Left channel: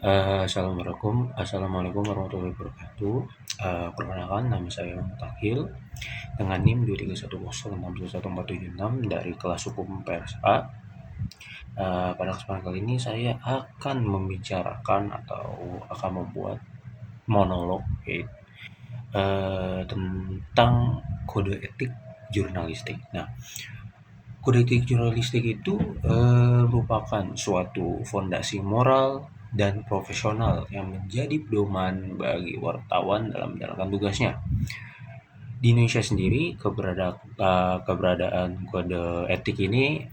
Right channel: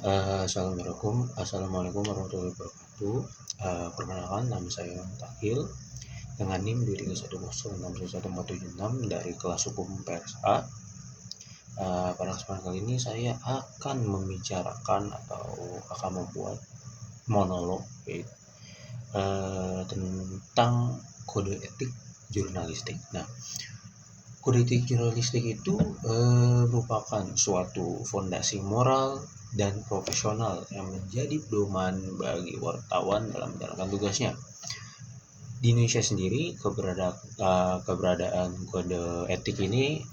Assalamualaikum warahmatullahi wabarakatuh. Perkenalkan, nama saya Mutakhil dengan NIM 231061476 dari kelas hukum PSA. Pada kesempatan kali ini saya akan membicarakan atau akan membuat monolog tentang kode etik jurnalistik. Nah, kode etik jurnalistik itu merupakan suatu fondasi moral dan profesional yang menjadi pedoman bagi wartawan dalam menjalankan tugasnya. Di Indonesia sendiri, keberadaan kode etik ini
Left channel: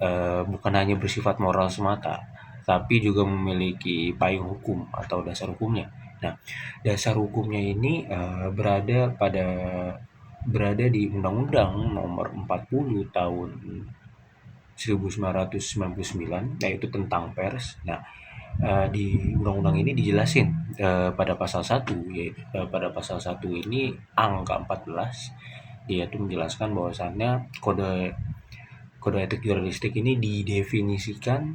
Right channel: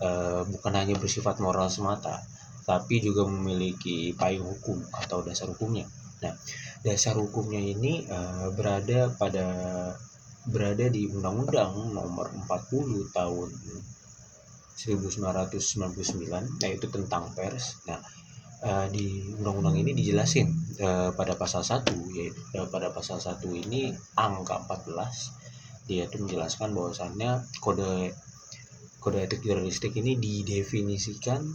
bukan hanya bersifat moral semata, tapi juga memiliki payung hukum atau dasar hukumnya. Nah, dasar hukumnya ini berada di Undang-Undang Nomor 40 Tahun 1999, yaitu tentang pers. Nah, di undang-undang ini dijelasin pada pasal 1, yaitu pada pasal 1 ini angka 14, dia itu menjelaskan bahwasannya kode etik jurnalistik ini didefinisikan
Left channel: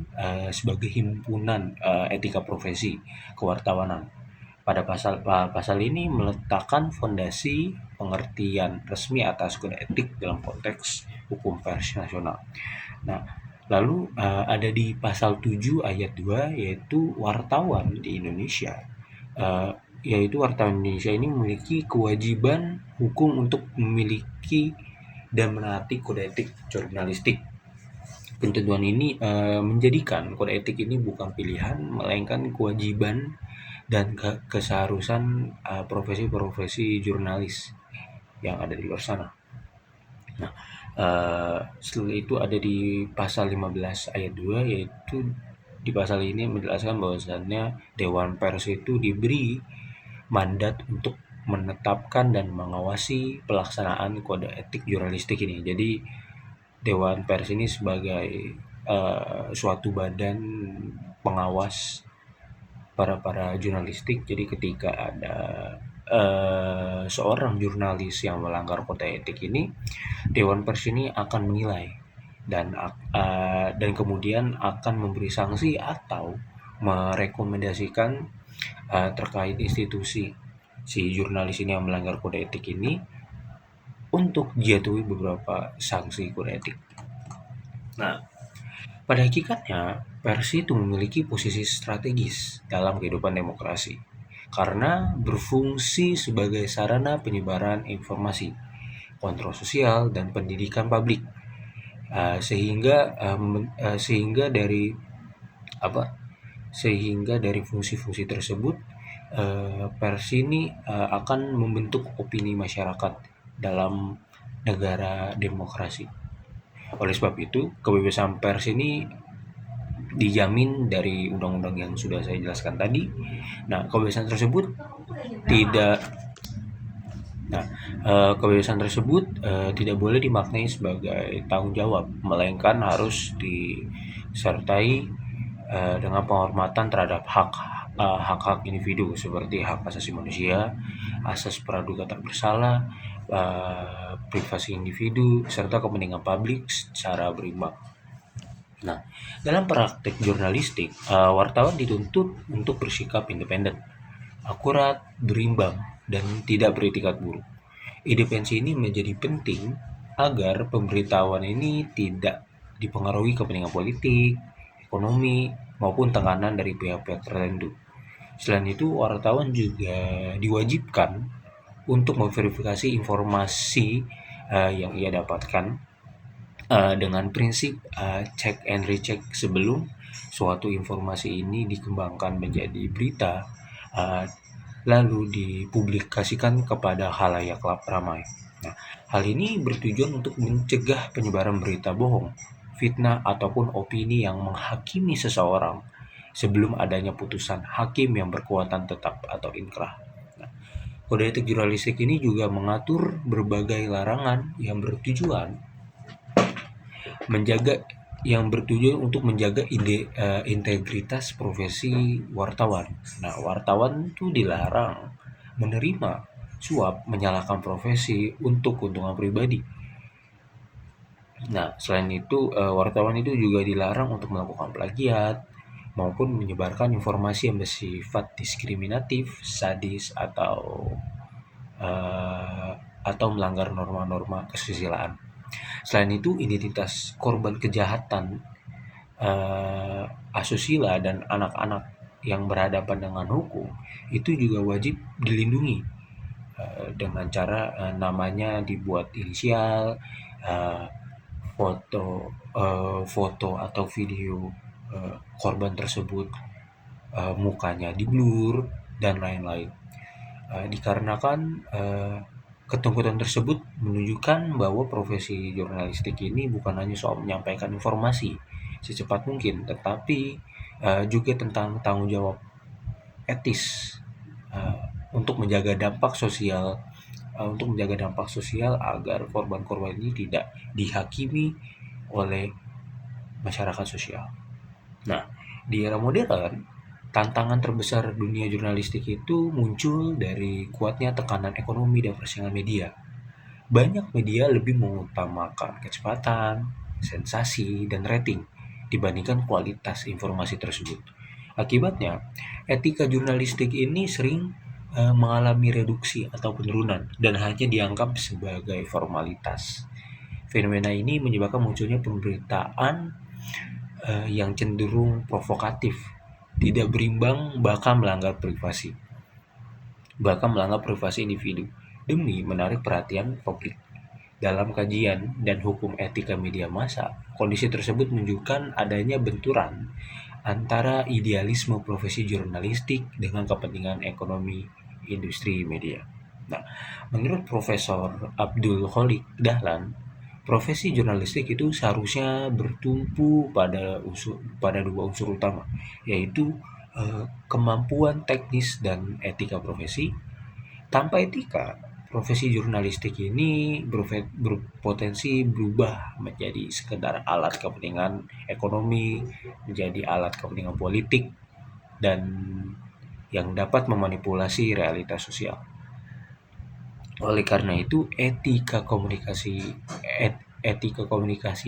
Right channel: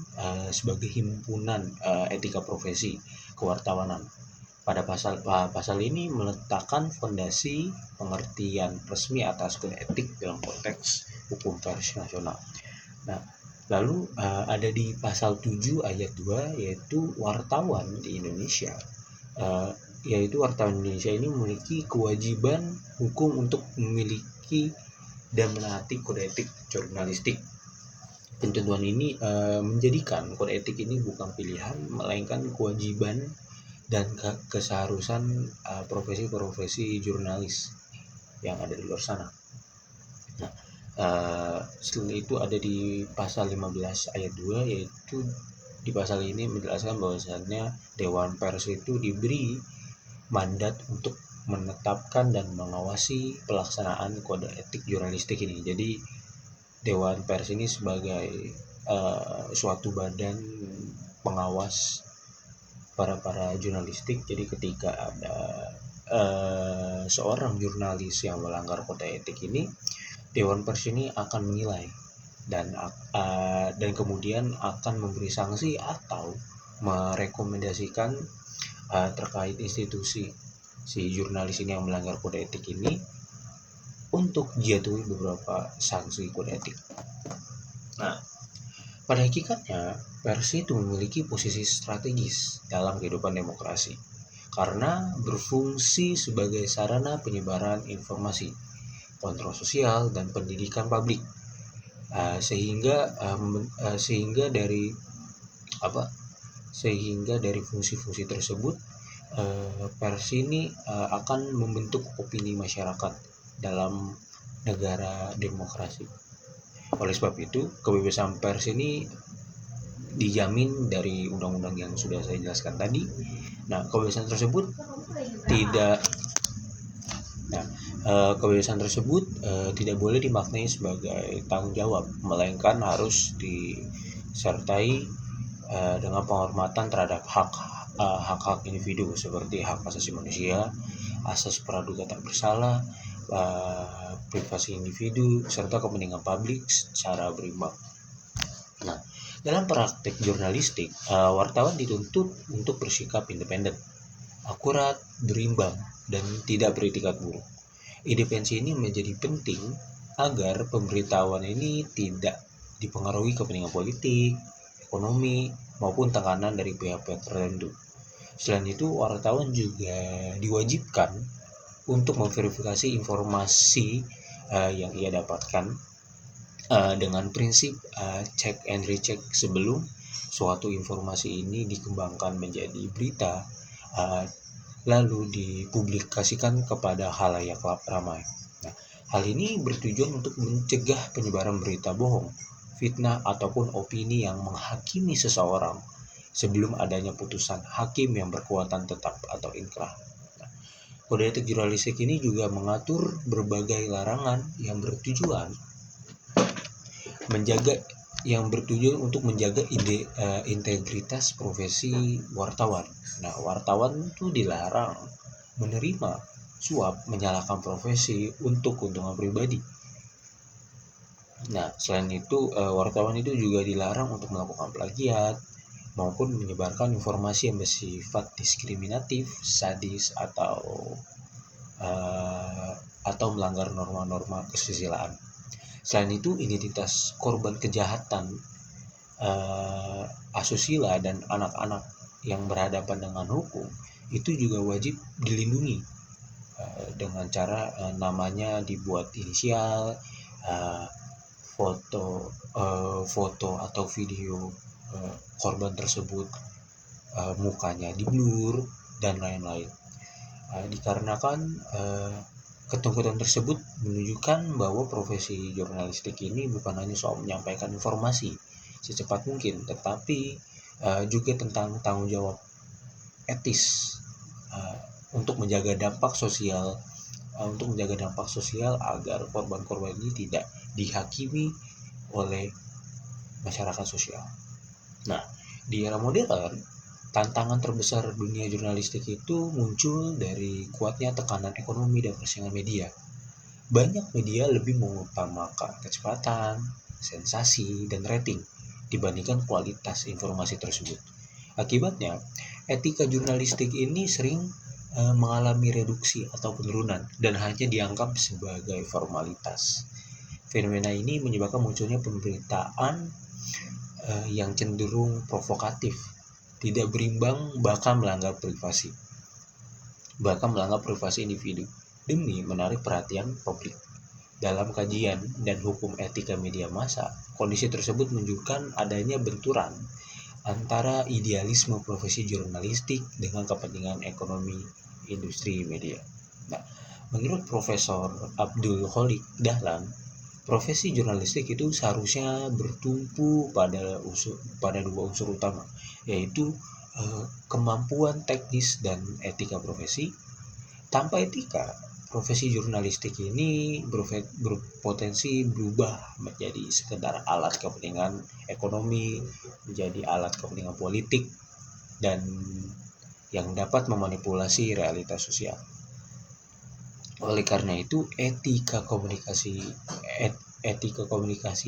sebagai himpunan etika profesi kewartawanan. Pada pasal ini meletakkan fondasi pengertian resmi atas kode etik dalam konteks hukum pers nasional. Nah, lalu ada di pasal 7 ayat 2, yaitu wartawan di Indonesia. Yaitu wartawan Indonesia ini memiliki kewajiban hukum untuk memiliki dan menaati kode etik jurnalistik. Ketentuan ini menjadikan kode etik ini bukan pilihan, melainkan kewajiban dan keseharusan profesi-profesi jurnalis yang ada di luar sana. Nah, setelah itu ada di pasal 15 ayat 2, yaitu di pasal ini menjelaskan bahwasannya Dewan Pers itu diberi mandat untuk menetapkan dan mengawasi pelaksanaan kode etik jurnalistik ini. Jadi Dewan Pers ini sebagai suatu badan pengawas para jurnalistik. Jadi ketika ada seorang jurnalis yang melanggar kode etik ini, Dewan Pers ini akan menilai dan kemudian akan memberi sanksi atau merekomendasikan terkait institusi si jurnalis ini yang melanggar kode etik ini untuk dijatuhi beberapa sanksi kode etik. Nah, pada hakikatnya pers itu memiliki posisi strategis dalam kehidupan demokrasi karena berfungsi sebagai sarana penyebaran informasi, kontrol sosial, dan pendidikan publik. Sehingga dari fungsi-fungsi tersebut, pers ini akan membentuk opini masyarakat dalam negara demokrasi. Oleh sebab itu, kebebasan pers ini dijamin dari undang-undang yang sudah saya jelaskan tadi. Nah, kebebasan tersebut tidak boleh dimaknai sebagai tanggung jawab, melainkan harus disertai dengan penghormatan terhadap hak-hak individu seperti hak asasi manusia, asas praduga tak bersalah, privasi individu, serta kepentingan publik secara berimbang. Nah, dalam praktek jurnalistik, wartawan dituntut untuk bersikap independen, akurat, berimbang, dan tidak beretikat buruk. Independensi ini menjadi penting agar pemberitahuan ini tidak dipengaruhi kepentingan politik, ekonomi, maupun tekanan dari pihak-pihak tertentu. Selain itu, wartawan juga diwajibkan untuk memverifikasi informasi yang ia dapatkan dengan prinsip check and recheck sebelum suatu informasi ini dikembangkan menjadi berita lalu dipublikasikan kepada khalayak ramai. Nah, hal ini bertujuan untuk mencegah penyebaran berita bohong, fitnah, ataupun opini yang menghakimi seseorang sebelum adanya putusan hakim yang berkekuatan tetap atau inkrah. Nah, kode etik jurnalistik ini juga mengatur berbagai larangan yang bertujuan untuk menjaga integritas profesi wartawan. Nah, wartawan itu dilarang menerima suap, menyalahkan profesi untuk keuntungan pribadi. Nah, selain itu wartawan itu juga dilarang untuk melakukan plagiat, maupun menyebarkan informasi yang bersifat diskriminatif, sadis, atau melanggar norma-norma kesusilaan. Selain itu, identitas korban kejahatan asusila dan anak-anak yang berhadapan dengan hukum itu juga wajib dilindungi dengan cara namanya dibuat inisial, eh, foto atau video korban tersebut, mukanya di blur dan lain-lain. Dikarenakan ketentuan tersebut menunjukkan bahwa profesi jurnalistik ini bukan hanya soal menyampaikan informasi secepat mungkin, tetapi juga tentang tanggung jawab etis uh, untuk menjaga dampak sosial agar korban-korban ini tidak dihakimi oleh masyarakat sosial. Nah, di era modern, tantangan terbesar dunia jurnalistik itu muncul dari kuatnya tekanan ekonomi dan persaingan media. Banyak media lebih mengutamakan kecepatan, sensasi, dan rating dibandingkan kualitas informasi tersebut. Akibatnya, etika jurnalistik ini sering mengalami reduksi atau penurunan dan hanya dianggap sebagai formalitas. Fenomena ini menyebabkan munculnya pemberitaan yang cenderung provokatif, tidak berimbang, bahkan melanggar privasi individu demi menarik perhatian publik. Dalam kajian dan hukum etika media massa, kondisi tersebut menunjukkan adanya benturan antara idealisme profesi jurnalistik dengan kepentingan ekonomi industri media. Nah, menurut Profesor Abdul Khalik Dahlan, profesi jurnalistik itu seharusnya bertumpu pada dua unsur utama, yaitu kemampuan teknis dan etika profesi. Tanpa etika, profesi jurnalistik ini berpotensi berubah menjadi sekedar alat kepentingan ekonomi, menjadi alat kepentingan politik, dan yang dapat memanipulasi realitas sosial. Oleh karena itu, etika komunikasi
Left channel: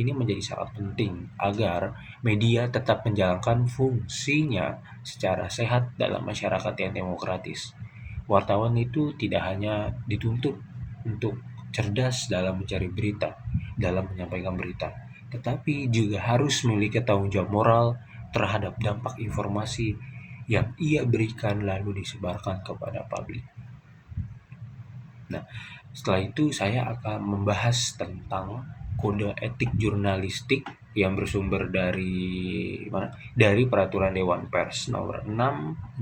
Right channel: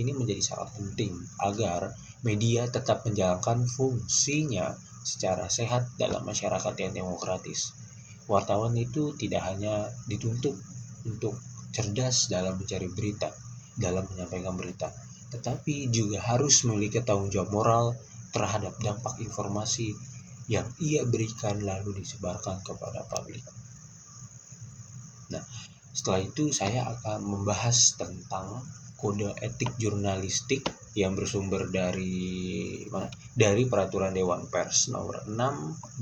ini menjadi sangat penting agar media tetap menjalankan fungsinya secara sehat dalam masyarakat yang demokratis. Wartawan itu tidak hanya dituntut untuk cerdas dalam mencari berita, dalam menyampaikan berita, tetapi juga harus memiliki tanggung jawab moral terhadap dampak informasi yang ia berikan lalu disebarkan kepada publik. Nah, setelah itu saya akan membahas tentang kode etik jurnalistik yang bersumber dari Peraturan Dewan Pers nomor 6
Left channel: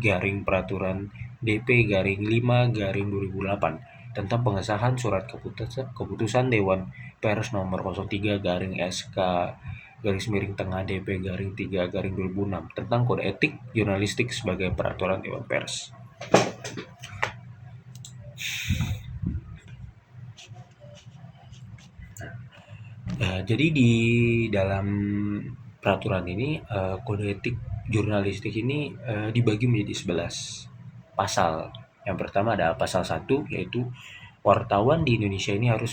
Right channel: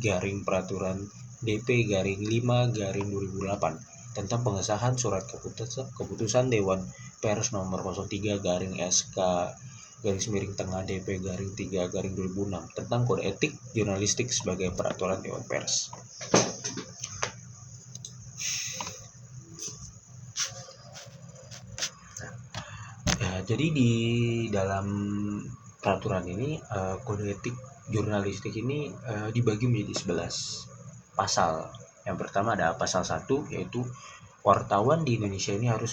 garing peraturan DP-5/2008 tentang pengesahan surat keputusan Dewan Pers nomor 03 garing SK DP-3/2006 tentang kode etik jurnalistik sebagai peraturan Dewan Pers. Jadi di dalam peraturan ini kode etik jurnalistik ini dibagi menjadi 11 pasal. Yang pertama ada pasal 1, yaitu wartawan di Indonesia ini harus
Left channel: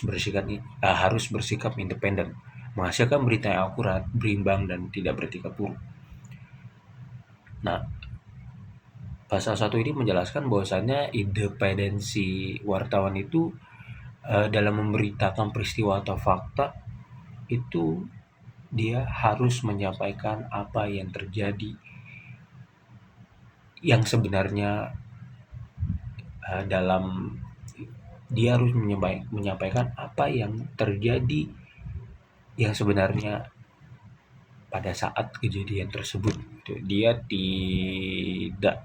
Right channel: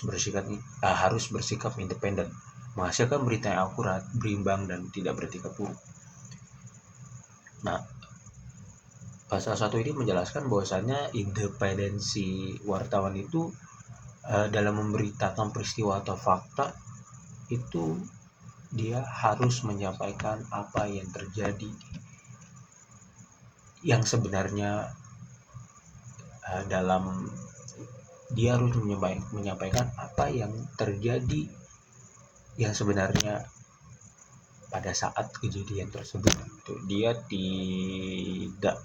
bersikap independen, menghasilkan berita yang akurat, berimbang, dan tidak beretika buruk. Nah, pasal 1 ini menjelaskan bahwasannya independensi wartawan itu dalam memberitakan peristiwa atau fakta itu dia harus menyampaikan apa yang terjadi yang sebenarnya, dia harus menyampaikan apa yang terjadi yang sebenarnya pada saat kejadian tersebut. Dia tidak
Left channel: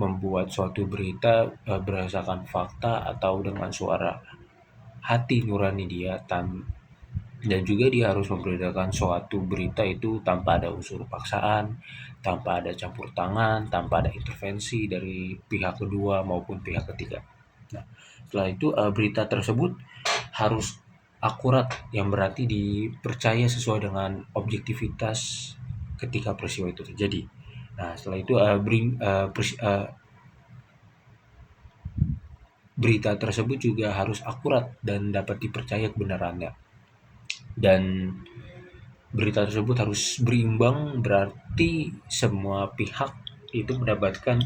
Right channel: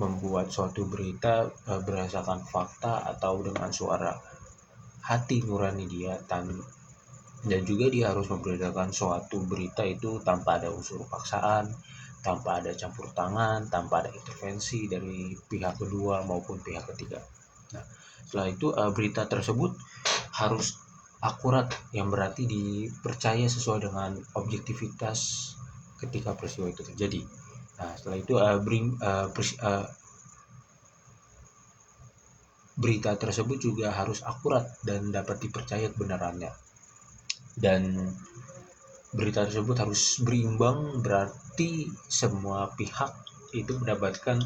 membuat suatu berita berdasarkan fakta atau dengan suara hati nurani dia, dan juga dia harus membedakan suatu berita itu tanpa ada unsur paksaan, tanpa ada campur tangan, tanpa ada intervensi dari pihak kedua maupun pihak ketiga. Nah, setelah itu berita tersebut harus akurat, yang berarti dipercaya sesuai dengan objektivitas ketika peristiwa itu terjadi. Nah, setelah itu berita tersebut juga harus akurat dan dapat dipercaya kebenarannya. Dan berita tersebut harus berimbang, berarti semua pihak itu mendapatkan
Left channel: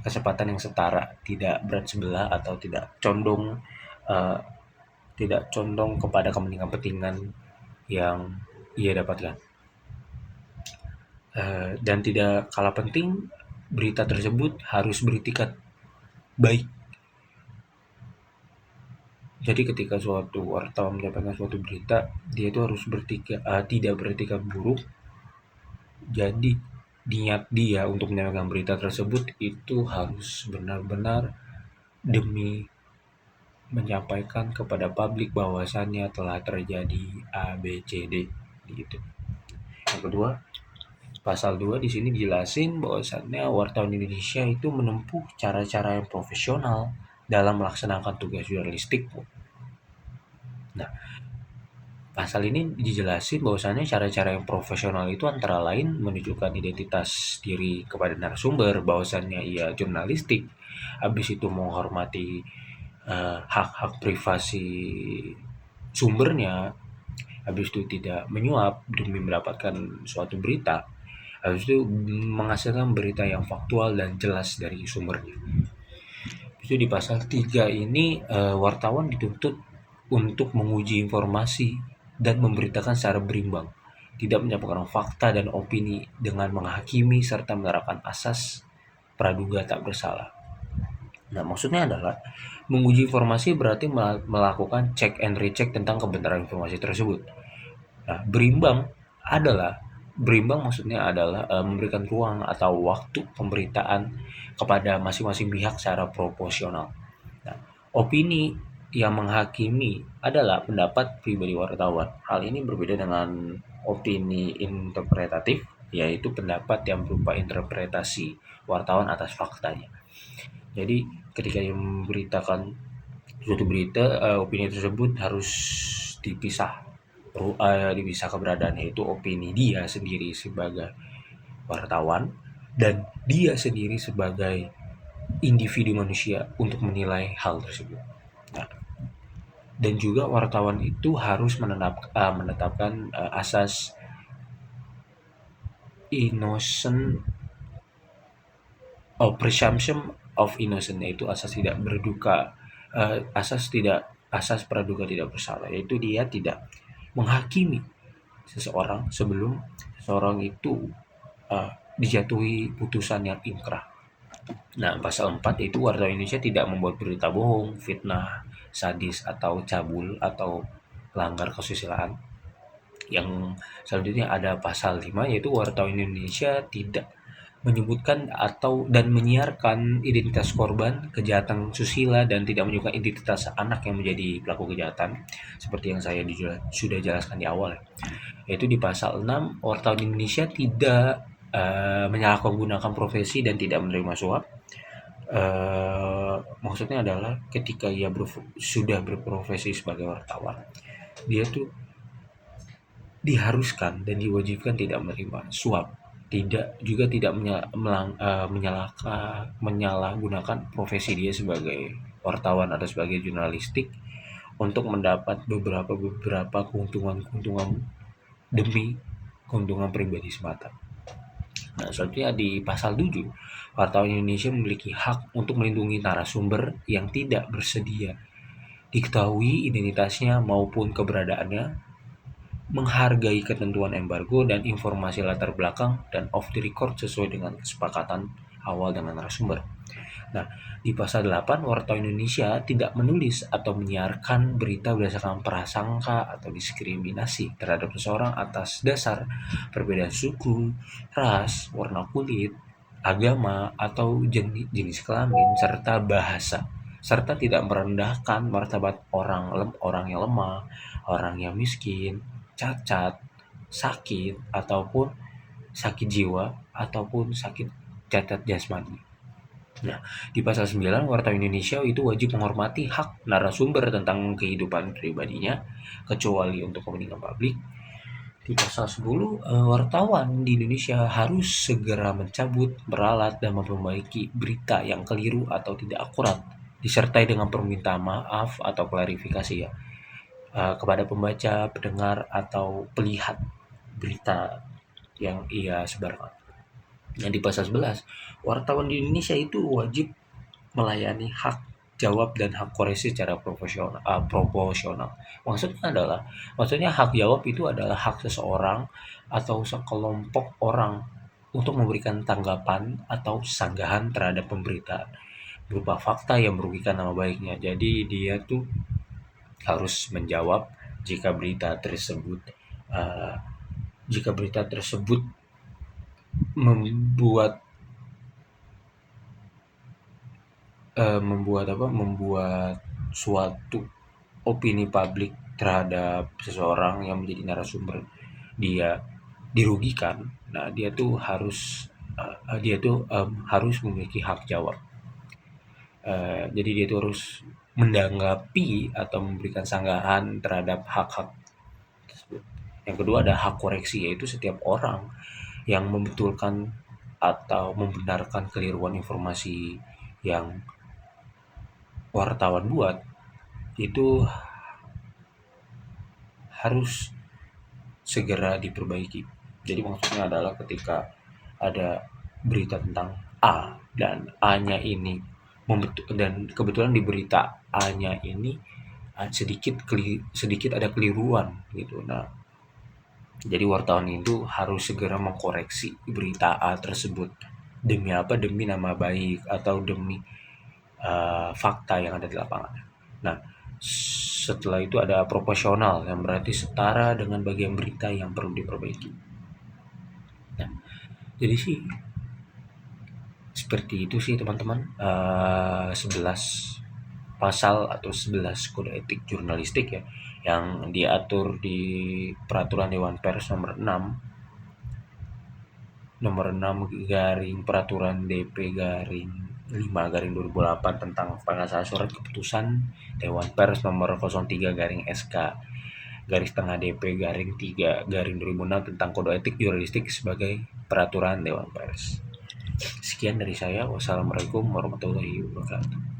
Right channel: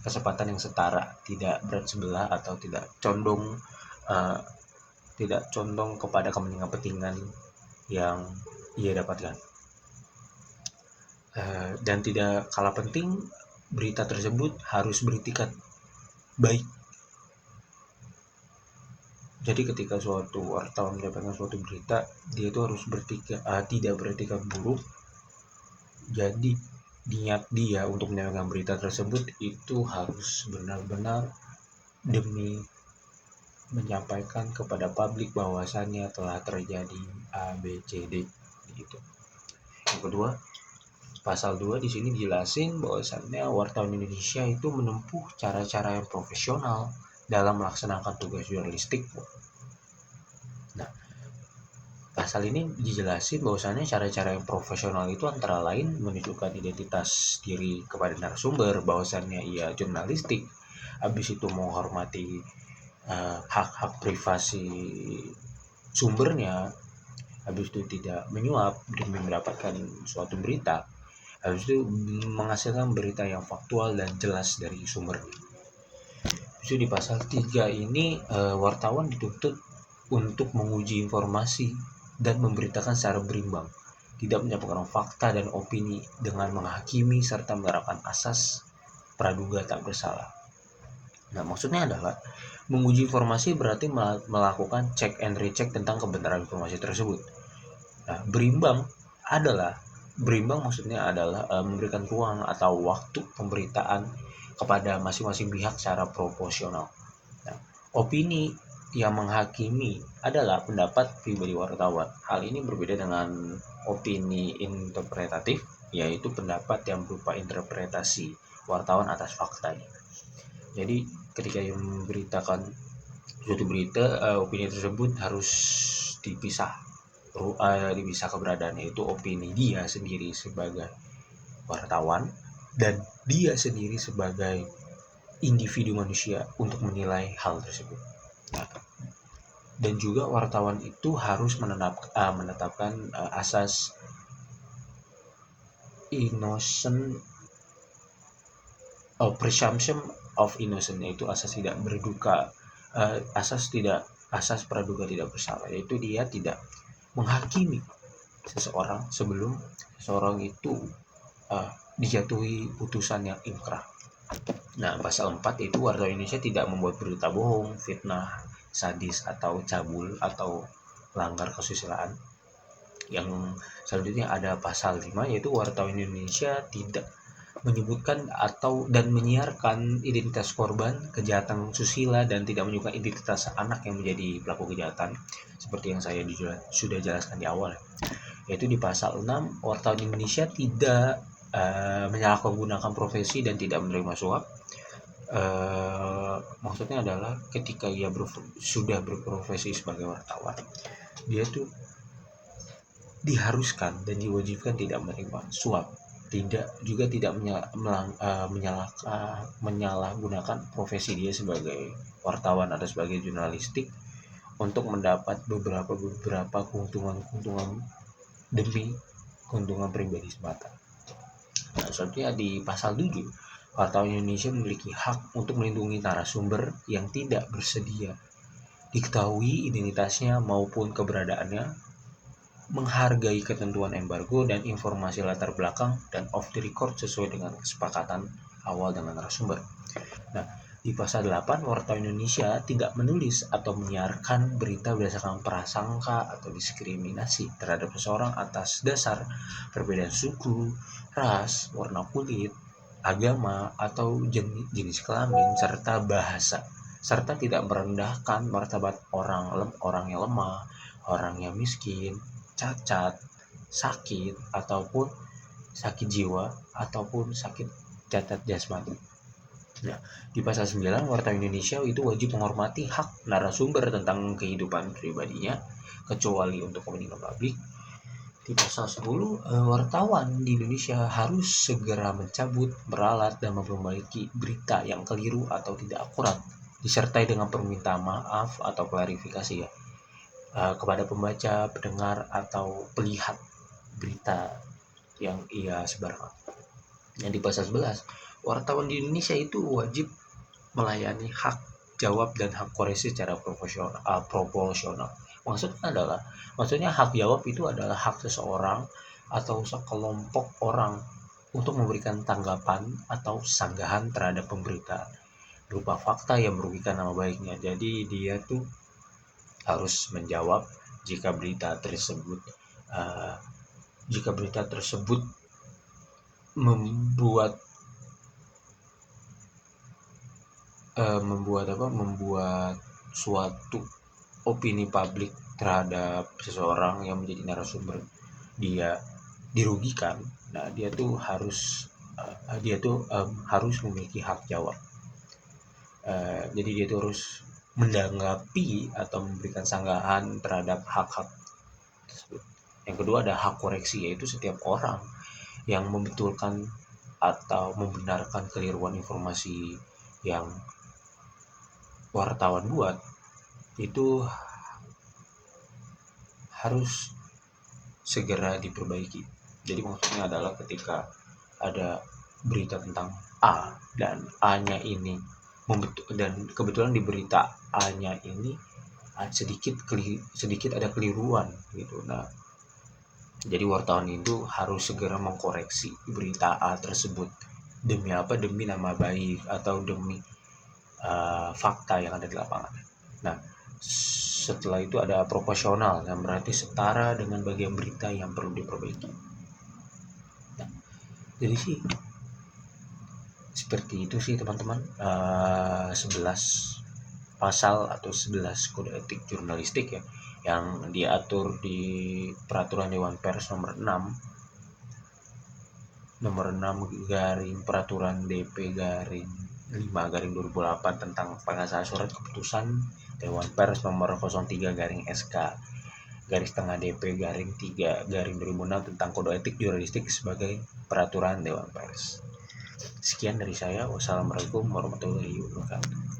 kesempatan yang setara, tidak berat sebelah atau uh, tidak condong kepada kepentingan-kepentingan yang ia dapatkan. Dan tidak kalah penting, berita tersebut harus beritikat baik. Jadi ketika suatu wartawan mendapatkan suatu berita, dia itu harus tidak beretikat buruk. Jadi niat dia untuk menyampaikan berita tersebut itu harus benar-benar demi menyampaikan kepada publik bahwasannya telah terjadi A, B, C, D gitu. Yang kedua, pasal 2 di sini dijelasin bahwasannya wartawan Indonesia itu menempuh cara-cara yang profesional dalam melaksanakan tugas jurnalistik. Nah, pasal ini dijelasin bahwasannya cara-cara yang profesional itu antara lain menunjukkan identitas diri kepada narasumber, bahwasannya ia jurnalistik, habis itu menghormati hak-hak privasi sumbernya, habis itu tidak menyuap demi mendapatkan suatu berita, habis itu menghasilkan berita yang faktual dan jelas dari sumbernya. Itu di pasal 3 ini wartawan dituntut untuk menguji informasi dan memberitakan secara berimbang, tidak menyampaikan fakta dan opini dengan menghakimi serta menerapkan asas praduga tak bersalah. Nah, maksudnya adalah menguji informasi berarti melakukan check and recheck tentang kebenaran informasi tersebut. Nah, berimbang maksudnya adalah memberikan ruang atau waktu pemberitaan kepada masing-masing pihak secara proporsional. Nah, opini yang menghakimi adalah pendapat pribadi wartawan. Hal ini berbeda dengan opini interpretatif, yaitu pendapat yang berupa interpretasi wartawan atas faktanya. Jadi ketika yang memberitakan suatu berita, opini tersebut harus dipisah keberadaannya, yaitu opini dia sendiri sebagai wartawan dan dia sendiri sebagai individu manusia untuk menilai hal tersebut. Nah, dan juga wartawan itu harus menetapkan asas innocent presumption of innocent, yaitu asas tidak berduka, asas praduga tidak bersalah, yaitu dia tidak menghakimi seseorang sebelum seseorang itu dijatuhi putusan yang inkrah. Nah, pasal 4 itu wartawan Indonesia tidak membuat berita bohong, fitnah, sadis atau cabul atau langgar kesusilaan. Yang selanjutnya ada pasal 5, yaitu wartawan Indonesia tidak menyebutkan atau dan menyiarkan identitas korban kejahatan susila dan tidak menyebutkan identitas anak yang menjadi pelaku kejahatan, seperti yang saya sudah jelaskan di awal. Yaitu di pasal 6, wartawan Indonesia tidak menyalahgunakan profesi dan tidak menerima suap. Maksudnya adalah ketika ia sudah berprofesi sebagai wartawan, dia tuh diharuskan dan diwajibkan tidak menerima suap, tidak menyalahgunakan profesi dia sebagai wartawan atau sebagai jurnalistik untuk mendapat beberapa keuntungan demi keuntungan pribadi semata. Nah, selanjutnya di pasal 7, wartawan Indonesia memiliki hak untuk melindungi narasumber yang tidak bersedia diketahui identitasnya maupun keberadaannya, menghargai ketentuan embargo dan informasi latar belakang dan off the record sesuai dengan kesepakatan awal dengan narasumber. Nah, di pasal 8, wartawan Indonesia tidak menulis atau menyiarkan berita berdasarkan prasangka atau diskriminasi terhadap seseorang atas dasar perbedaan suku, ras, warna kulit, agama, atau jenis kelamin, serta bahasa, serta tidak merendahkan martabat orang yang lemah, orang yang miskin, cacat, sakit, ataupun sakit jiwa, ataupun sakit cacat jasmani. Nah, di pasal 9, wartawan Indonesia itu wajib menghormati hak narasumber tentang kehidupan pribadinya, kecuali untuk kepentingan publik. Di pasal 10, wartawan di Indonesia harus segera mencabut, meralat, dan memperbaiki berita yang keliru atau tidak akurat, disertai dengan permintaan maaf atau klarifikasi kepada pembaca, pendengar, atau pelihat. berita yang ia sebarkan. Yang di pasal 11, wartawan di Indonesia itu wajib melayani hak jawab dan hak koreksi secara proporsional. Maksudnya hak jawab itu adalah hak seseorang atau sekelompok orang untuk memberikan tanggapan atau sanggahan terhadap pemberitaan berupa fakta yang merugikan nama baiknya. Jadi dia tuh harus menjawab jika berita tersebut uh, membuat membuat suatu opini publik terhadap seseorang yang menjadi narasumber dia dirugikan. Nah, dia tuh harus memiliki hak jawab. Jadi dia tuh harus menanggapi atau memberikan sanggahan terhadap hak-hak tersebut. Yang kedua ada hak koreksi, yaitu setiap orang yang membetulkan atau membenarkan keliruan informasi yang wartawan buat itu harus segera diperbaiki. Jadi maksudnya adalah ketika ada berita tentang A dan A-nya ini dan kebetulan di berita A-nya ini sedikit ada keliruan gitu. Nah, jadi wartawan itu harus segera mengkoreksi berita A tersebut. Demi apa? Demi nama baik atau demi fakta yang ada di lapangan. Nah, setelah itu ada proporsional, yang berarti setara dengan bagian berita yang perlu diperbaiki. Nah, jadi sih seperti itu sih teman-teman. 11 pasal atau 11 kode etik jurnalistik ya yang diatur di peraturan Dewan Pers nomor 6 garing peraturan DP garing 5 garing 2008 tentang pengesahan surat keputusan Dewan Pers nomor 03 garing SK garis tengah DP garing 3 garing 2006 tentang kode etik jurnalistik sebagai peraturan Dewan Pers. Sekian dari saya. Wassalamualaikum warahmatullahi wabarakatuh.